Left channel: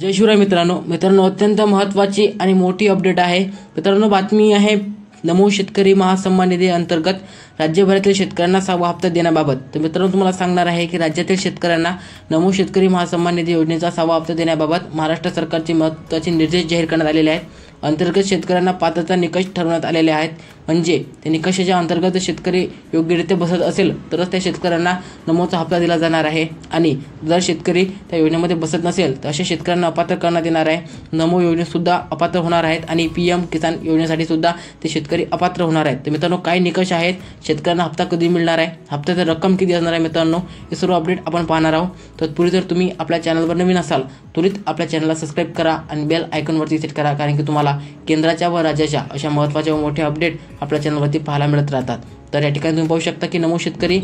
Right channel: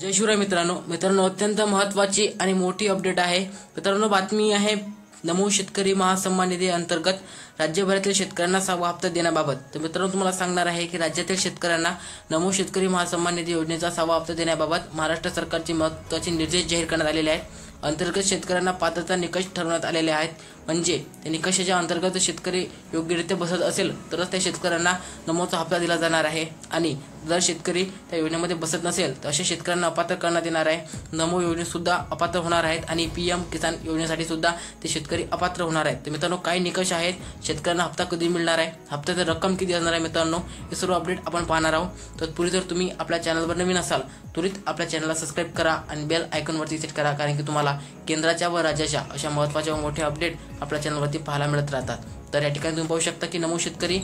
जय शिवराय मित्रांनो अत्यंत महत्त्वाची आणि मोठी अपडेट आहे मित्रांनो। बातमी आहे नमो शेतकरी महासन्मान निधी अंतर्गत राज्यभरातील शेतकऱ्यांना 6वा हप्ता देण्याबाबत। तर मित्रांनो तुम्हाला सांगणार आहे की राज्यातील शेतकऱ्यांना नमो शेतकरी महासन्मान निधी योजनेचा 6वा हप्ता देण्याबाबत महाराष्ट्र सरकारचे महत्त्वाचे निर्देश जाहीर करण्यात आलेले आहेत। अंतर्गत शेतकऱ्यांना पात्रता निकष ठरवण्यात आलेले आहेत, म्हणजे त्या निकषाच्या अंतर्गत शेतकरी योग्यरित्या बसत असेल तरच त्या शेतकऱ्यांना नमोचा हप्ता दिला जाणार आहे, आणि जर शेतकरी त्या योजनेमध्ये बसत नसेल तर अशा शेतकऱ्यांना अपात्र करण्यात येणार आहे। नमो योजनेत सुद्धा अपात्र होणार आहेत आणि पीएम किसान योजनेसाठी सुद्धा ते शेतकरी अपात्र होणार आहेत। तर मित्रांनो काय निकष आहेत, शेतकऱ्यांना हप्ता कधी मिळणार आहे, हप्त्याची रक्कम किती असणार आहे मित्रांनो, हे सर्व अपडेट आपण पाहणार आहोत। तत्पूर्वी जर तुम्ही आपल्या चॅनलवर नवीन असाल त्वरित आपल्या चॅनलला सबस्क्राइब करा आणि बेल आयकॉनवरती सेट करा, कारण की तुम्हाला केंद्राच्या व राज्याच्या अशा महत्त्वाच्या व मोठ्या अपडेट आपल्या चॅनलवरती पाहायला मिळत राहतात। तर या ठिकाणी तुम्ही पाहू शकता की नमो शेतकरी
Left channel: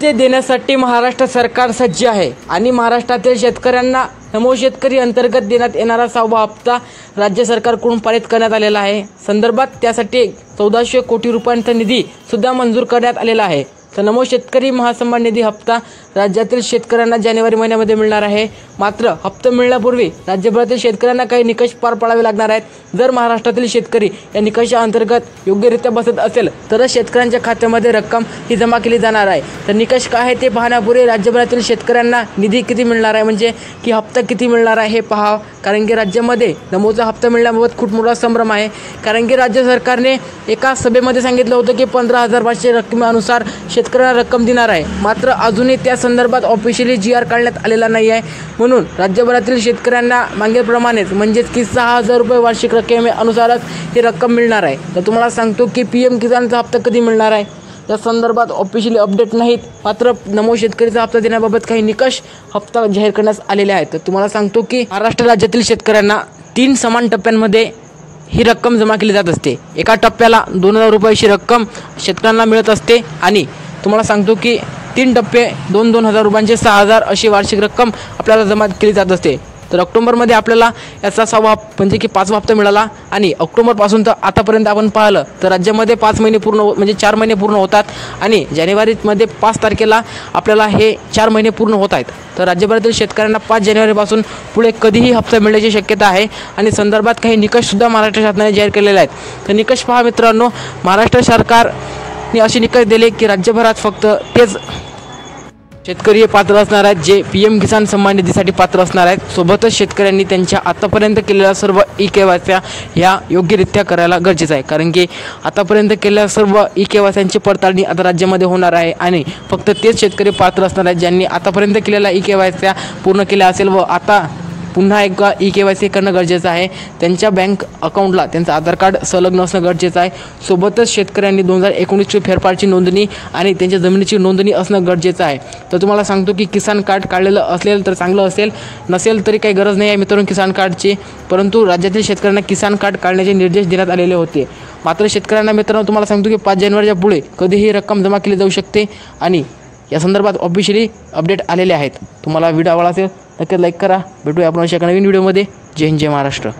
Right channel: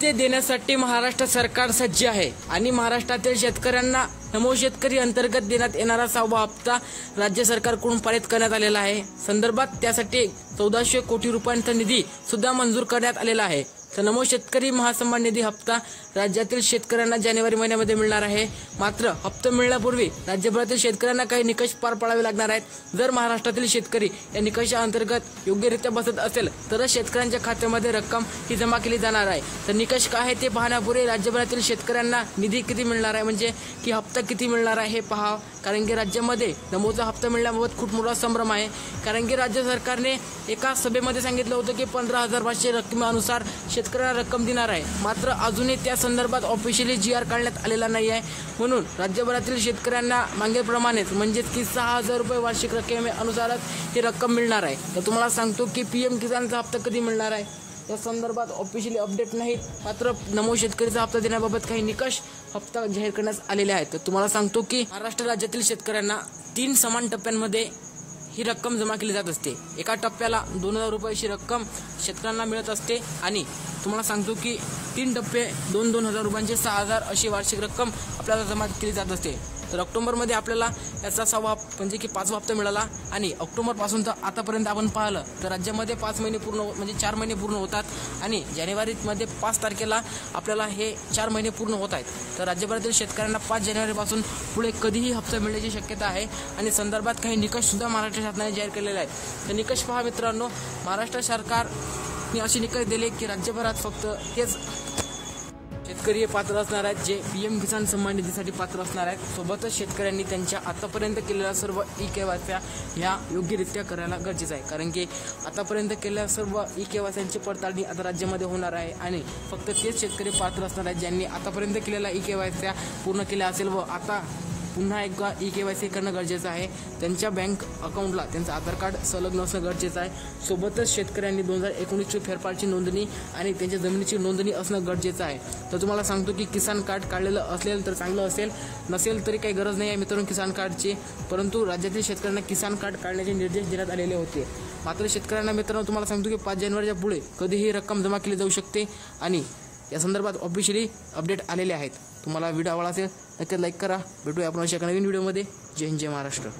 ते देण्यासाठी महाराष्ट्र सरकार सज्ज आहे आणि महाराष्ट्रातील शेतकऱ्यांना नमो शेतकरी अंतर्गत देण्यात येणारा 6वा हप्ता राज्य सरकारकडून पारित करण्यात आलेला आहे। संदर्भात त्यासाठी 1400 कोटी रुपयांचा निधी सुद्धा मंजूर करण्यात आलेला आहे। तर नमो शेतकरी महासन्मान निधी हप्ता राज्यातील शेतकऱ्यांना जानेवारी महिन्यामध्ये मिळणार आहे। मात्र हप्ता मिळण्यापूर्वी राज्यभरातील शेतकऱ्यांना काही निकष पार पाडावे लागणार आहेत। जर महाराष्ट्रातील शेतकरी या निकषा अंतर्गत योग्यरित्या बसत असेल तरच शेतकऱ्यांच्या खात्यामध्ये रक्कम ही जमा केली जाणार आहे। तर निकष काय आहे ते पाहण्यापूर्वी राज्यभरातील शेतकऱ्यांना निधी किती मिळणार आहे, म्हणजे की हप्ता किती मिळणार आहे हे पहा, कारण की राज्यामध्ये नमोचा हप्ता मिळण्याबाबत खूप मोठा संभ्रम आहे। कारण की राज्य सरकारने एका सभेमध्ये सांगितलं होतं की 15,500 रकमेनुसार शेतकऱ्यांना रक्कम देणार आहे, मात्र अजूनही त्या संदर्भात ऑफिशियली GR काढण्यात आलेला नाही आहे। म्हणून राज्यभरातील शेतकऱ्यांना मागेप्रमाणेच म्हणजेच की 6,000 रुपये वार्षिक रकमेनुसारच ही रक्कम मिळणार आहे। तर तुम्हाला सांगतो की PM किसानचा हप्ता कधी मिळणार आहे या संदर्भात ऑफिशियली अपडेट नाहीत, मात्र नमो शेतकरीचा हप्ता देण्याबाबत काही निकष हप्ता जाहीर करण्यात आलेले आहेत। तर तुम्हाला सांगतो की महाराष्ट्र राज्यातील शेतकऱ्यांना 3 समान टप्प्यांमध्ये ही रक्कम जमा केली जात असते। एका टप्प्याला 2,000 रुपयाची रक्कम शेतकऱ्यांना मिळत असते आणि तुम्हाला सांगतो की 3 टप्पे 2,000 रुपयांचे 6,000 अशी वार्षिक रक्कम आपल्याला जमा केली जात असते। तर ऑक्टोबरमध्ये आपल्याला याचा 6वा म्हणजे की 5वा हप्ता मिळाला आणि ऑक्टोबरपासून तर आतापर्यंत आपण पाहिलं तर राज्यामध्ये 5 महिने पूर्ण म्हणजे 4 महिने पूर्ण होतात आणि जानेवारीमध्ये 5 तारखेला आपल्याला हे 4 महिने पूर्ण होत आहेत। तर राज्यभरातील शेतकऱ्यांना 5 जानेवारीपासून पुढे कधीही हप्ता मिळण्याची शक्यता आहे आणि संदर्भात काही निकषसुद्धा महाराष्ट्र शासनाने जाहीर केलेले आहेत। तर निकष पहा मित्रांनो, महाराष्ट्र सरकारने असे निकष दिले की राज्यभरात फक्त तेच शेतकरी पात्र असणार आहेत जे PM किसान सन्मान निधीसाठी पात्र असणार आहेत। सोबतच शेतकऱ्यांनी त्यांच्या आतापर्यंत केलेल्या सर्व EKYC ह्या योग्यरित्या करायला गरजेचं आहे, कारण की आतापर्यंत केलेल्या सर्व EKYCची पडताळणी आता राज्यामध्ये होणार आहे आणि फक्त तेच शेतकरी पात्र असणार आहेत ज्यांनी आतापर्यंत केलेल्या EKYC पूर्ण केल्या असेल व आता पुन्हा एकदा EKYC करणं गरजेचं आहे। त्यांच्या बँक अकाउंटला त्यांचं आधार कार्ड संलग्न असणं गरजेचं आहे। सोबतच शेतकऱ्यांनी 2019ची फेरफारची नोंदणी आणि त्यांच्या जमिनीची नोंदणी असणं गरजेचं आहे। तर तुम्हाला सांगतो की किसान कार्ड काढलेलं असेल तर चांगलं असेल, नसेल तरी काही गरज नाही आहे मित्रांनो किसान कार्डची, परंतु राज्यातील शेतकऱ्यांना किसान कार्ड काढण्याचे निर्देश देण्यात आलेले होते। मात्र शेतकऱ्यांना मित्रांनो तुम्हाला सांगतो की 5 जानेवारीच्या पुढे कधीही रक्कम जमा केली जाऊ शकते आणि या संदर्भात ऑफिशियली अपडेट आलेले आहेत। तुम्हाला व्हिडिओ आवडला असेल नक्कीच लाईक करा। भेटूया आपण अशा नवीन व्हिडिओमध्ये। जय हिंद, जय महाराष्ट्र।